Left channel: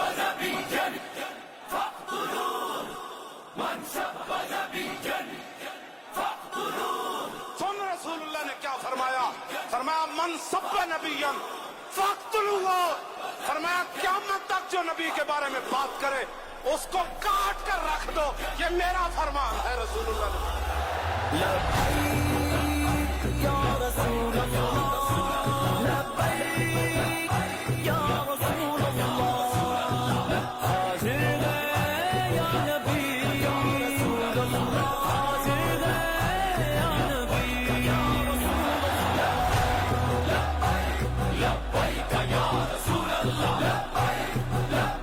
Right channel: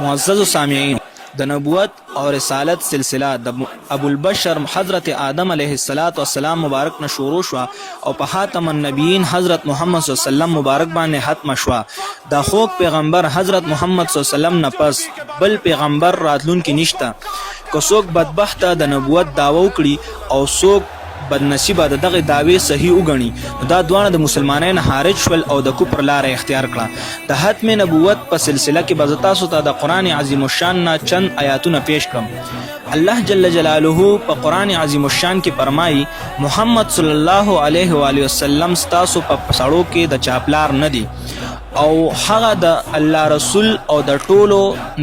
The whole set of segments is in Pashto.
معزز سامعین، د نبوت او رسالت سلسله د ابو البشر حضرت آدم علیه السلام مبارک نه شروع شو او په خاتم النبیین حضرت محمد صلی الله علیه وسلم مبارک باندې ختم شو. د خوږ پیغمبر حضرت محمد صلی الله علیه وسلم نه پس بل پیغمبر راتلونکي نشته. که څوک بدبخته د نبوت دعوه وکړي او څوک بدنصیبه د دغه دعوی صحیح وګڼي، دا دوانه د مسلمانانو خارج شول او د کفر لاره اختیار کړه. د ختم نبوت په سلسله کې به تاسو ته د قرآن عظیم الشان نه چند آیاتونه پیش کړم. الله جل جلاله په قرآن عظیم الشان کې فرمایي محمد صلی الله علیه و آله وسلم ستاسو په پسړو کې د چاپلار نه دی او هغه د الله رسول او د ټولو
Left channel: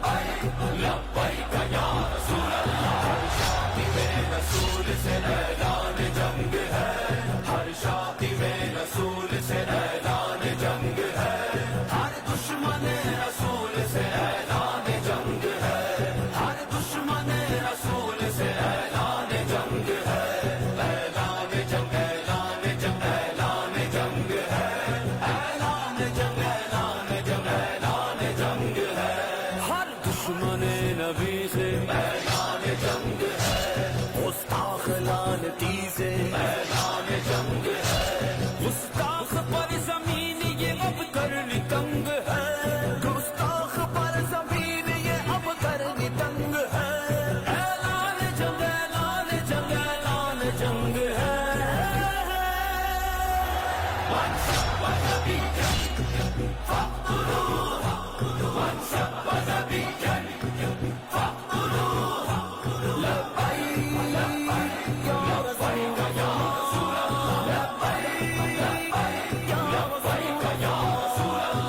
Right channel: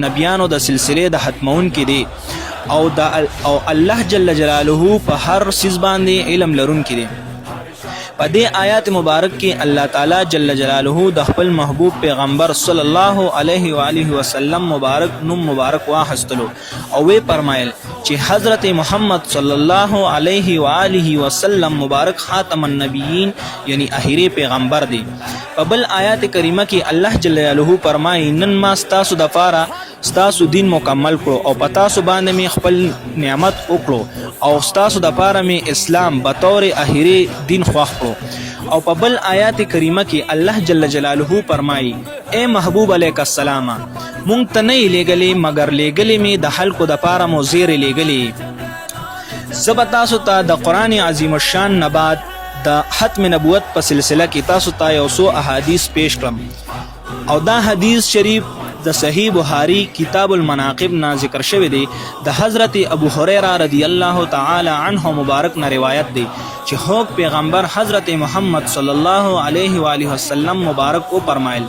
نبیانو د سلسله د ختمون کې دی او الله جل جلاله په هر سیز باندې علم لرونکی دی. په دې آیات مبارک کې الله تعالی جل جلاله د خپل محبوب پیغمبر صلی الله علیه و آله وسلم مبارک نوم مبارک واخستلو او وی فرمایل چې حضرت محمد صلی الله علیه و آله وسلم مبارک خاتم النبیین یعنی اخیری پیغمبر دی. په بل آیات کریمه کې الله جل جلاله فرمایي نن ما ستاسو د پاره ستاسو دین مکمل کړو او پتا سو باندې می خپل نعمت وکړو او ستاسو د پاره می اسلام به تور اخیری دین خوښ کړو. او په بل آیات کریمه کې الله جل جلاله فرمایي اے محبوب علیک السلام مونږ ته نه لېګلې مگر لېګلې می د خلکو د پاره مو زیر لېګلې. زه به تاسو ته د قرآن عظیم الشان نه بعد د ختم نبوت په سلسله کې تاسو ته یو څو احادیث پیش کړم او دا حدیث شریف د صحیح بخاری کتاب المناقب نا ذکر شوی دی. د حضرت ابو هریره رضی الله تعالی عنه مبارک نه روایت دی چې خوږ پیغمبر حضرت محمد صلی الله علیه و آله وسلم مبارک او فرمایل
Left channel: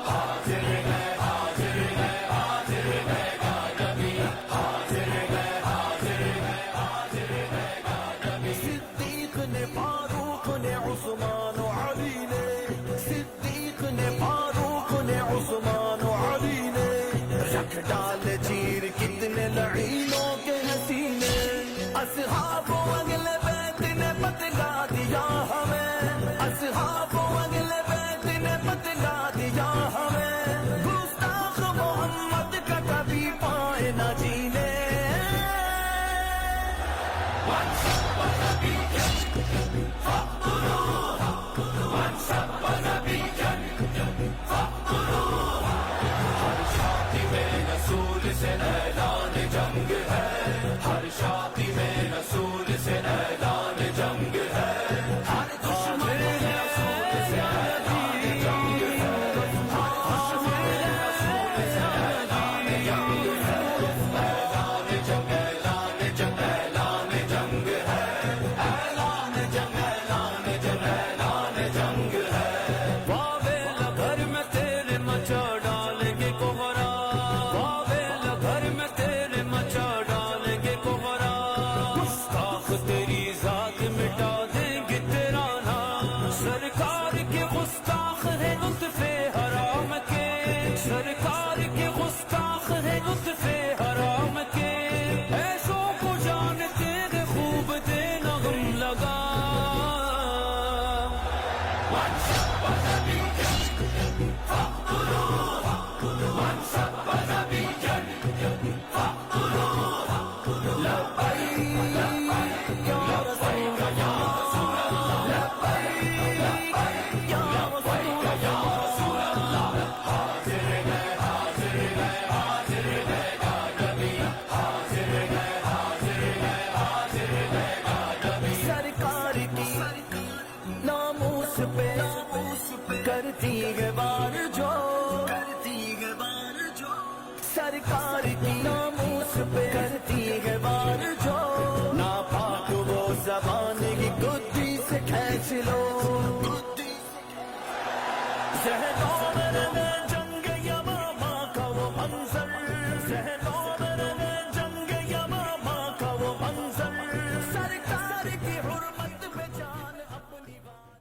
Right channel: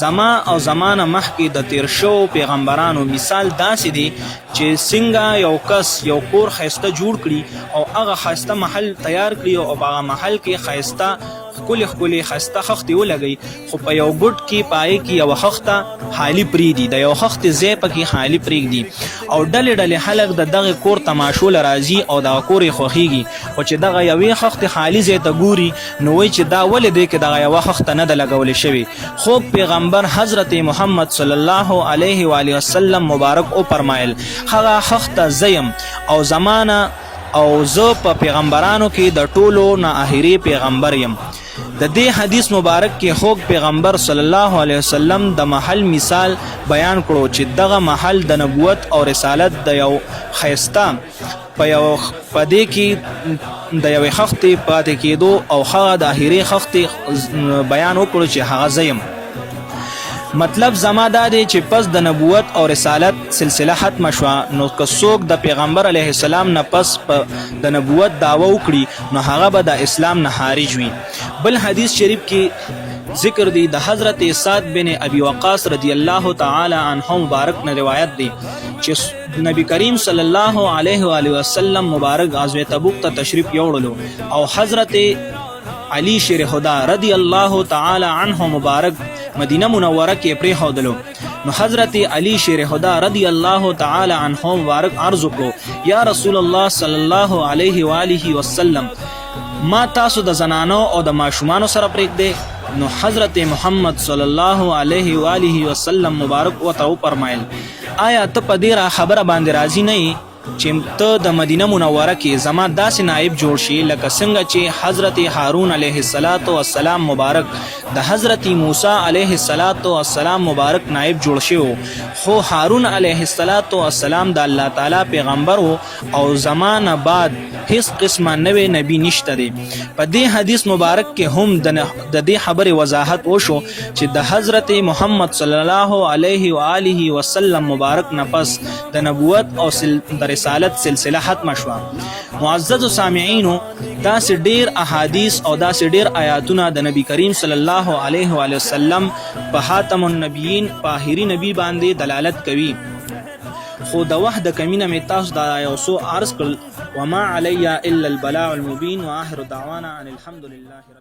زما او زمانه مخکې د تیر شو پیغمبرانو مثال داسې دی چې څنګه یو کس یو کور خیسته جوړ کړي او هغه خیسته محل تیار کړي او هغه محل کې خیسته کلی خسته خختي ولګي خو په یو ګډ کې پای کې یو خخته خالی پریدي د یو خخت ځای پکې خالی پریږدي او ډلې خلک د دغه کور تماشو لراځي او د کورې خوخيږي او چې دغه یوې خخت خالی ځای ته ګوري نو وای چې دا ولې دی کې دغه یو خخت نه د لګول شوی. خو پیغمبر حضرت محمد صلی الله علیه و آله وسلم مبارک او فرمایل هغه خخت زیم او زمانہ او زه په پیغمبرانو کې د ټولو نه اخیری پیغمبر یم. د دې حدیث مبارک کې خوږ پیغمبر صلی الله علیه وسلم د محل مثال بیان کړو چې دغه محل د نبوت او رسالت د یو خیسته په دې کې د یوې خختې پاتې کېدو او هغه د اخیری خختې بیان وکړو چې هغه زیم. مطلب زما دا دی چې پس د نبوت او رسالت سلسله ختم شوه نو که څوک د پیغمبر علیه السلام نه پس د نبوت دعوه وکړي نو هغه به د اسلام نه خارج وي. بل حدیث شریف کې ذکر دی د حضرت سعد بن ابي وقاص رضی الله تعالی عنه مبارک نه روایت دی چې نبی کریم صلی الله علیه و آله وسلم مبارک غزوه تبوک ته تشریف یوړلو او حضرت علی شیر خدا رضی الله تعالی عنه مبارک مدینه منوره کې پرې خودلو نو حضرت علی شیر خدا رضی الله تعالی عنه مبارک عرض وکړو یا رسول الله صلی الله علیه و آله وسلم ما تاسو د زنانو او د ماشومانو سره پرېږدئ. نو حضرت محمد صلی الله علیه و آله وسلم مبارک ورته وفرمایل آیا ته په دې خبره باندې راضي نه یې چې ته د مدینه منوره کې زما داسې نائب جوړ شي لکه څنګه چې حضرت هارون علیه السلام مبارک د حضرت موسی علیه السلام مبارک نائب جوړ شو. خو هارون علیه السلام د الله تعالی پیغمبر او زمانه بعد هیڅ قسمه نوې نبی نشته دی. په دې حدیث مبارک کې هم د دې خبرې وضاحت وشو چې د حضرت محمد صلی الله علیه و آله وسلم مبارک نفس د نبوت او د رسالت سلسله ختم شوه. معزز سامعینو داسې ډیر احادیث او داسې ډیر آیاتونه د نبی کریم صلی الله علیه و آله وسلم په خاتم النبیین په آخري نبی باندې دلالت کوي. خو د وخت د کمینه مې تاسو دا یو څو عرض کړل وما علی الا البلاغ المبین واخر دعوانا ان الحمد لله.